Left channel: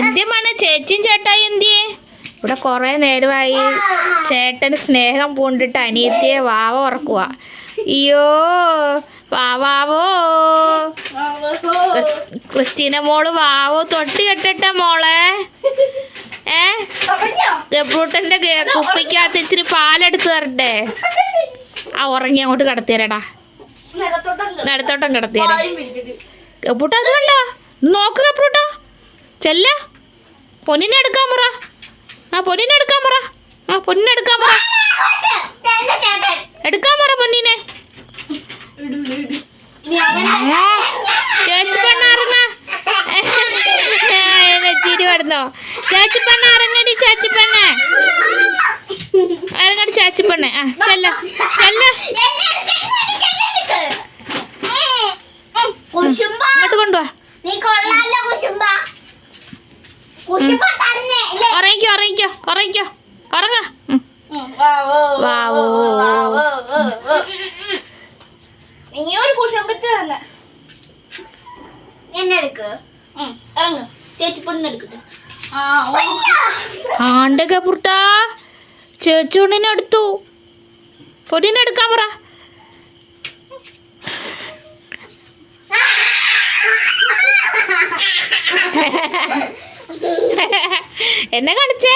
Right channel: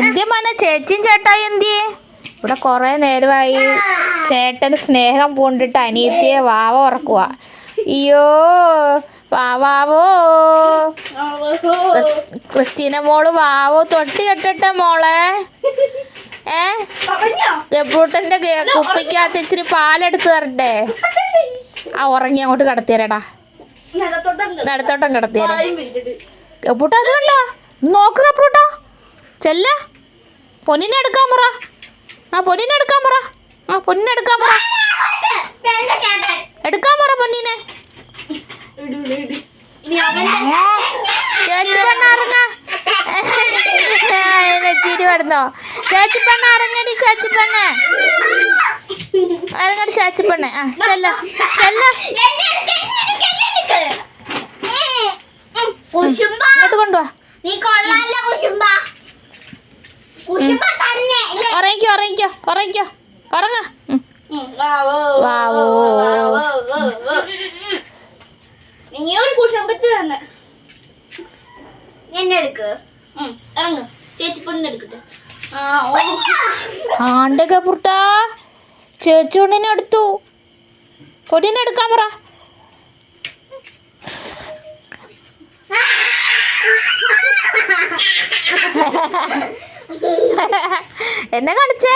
എന്തിയമാണ് ചേച്ചിയും ചേട്ടായി എന്തിയേ? ഇവിടെ കുറേ നേരമായി ചേട്ടന് സ്നേഹം പൂണ്ടിട്ട് അനിയത്തിയെ വാവ ഉറക്കുക. അയ്യോ വാവാവോ, ക്രിസ്റ്റീന മോള് വാവോ തൊട്ടി കെട്ടട്ടെ മോളെ. ഗബ്രൂട്ടന്റെ കുപ്പിക്കകത്ത് ഇച്ചിരി പാലെടുത്ത് തരട്ടെ. ആ ഉറങ്ങി അങ്ങോട്ട് കിടത്തിയരടാ, നടത്തോട്ടം കിടത്തിയരെ. ഗബ്രൂട്ട അത് കണ്ടോ, നോക്ക് ഗബ്രൂട്ട, ചെല്ല പൊന്നിനെ എടുക്കാൻ പറ. പൊന്നിനെ എടുക്കാൻ പറ. പൊന്നിനെ എടുക്കാൻ പറ. എടുക്കാൻ പറ പൊന്നിനെ. ചേച്ചി പെണ്ണ ഇറങ്ങ, ചിരി വരുന്നോ? ചേച്ചി പെണ്ണ ഇറങ്ങടി, ചേച്ചി പെണ്ണെ ഇറങ്ങടി, ചേച്ചി പെണ്ണെ. ചെല്ല ചെല്ല, ഇങ്ങോട്ട് കൊണ്ടുവാ. ഉറങ്ങിക്കോ ഉറങ്ങിക്കോ ഉറങ്ങിക്കോ ഉറങ്ങ. വാവോ ആണ്ട് ഗബ്രൂട്ടാ, ചേച്ചി ഉണ്ണിനെ എടുത്തു. പൊന്നിനെ എടുക്കാൻ പറ. എന്നെ കാണിച്ചേ?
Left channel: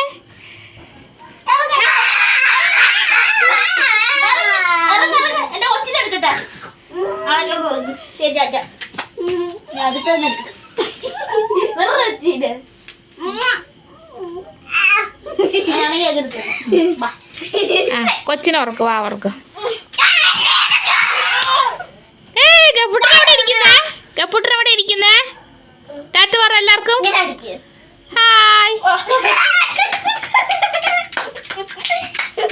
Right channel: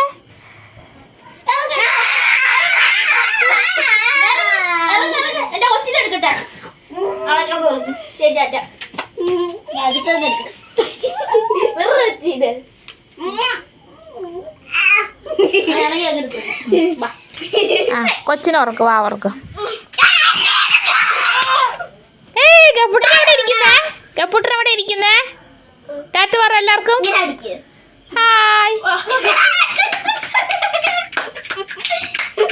കൊച്ചിനെ ഉറക്ക്, വാ ഉറക്ക്. ഗബ്രൂട്ടൻ എവിടെ ഇരിക്കുന്നേ? ഗബ്രൂട്ടൻ എവിടെ ഇരിക്കുന്നേ? ടാറ്റു പറ എല്ലാവർക്കും. ഹായ്.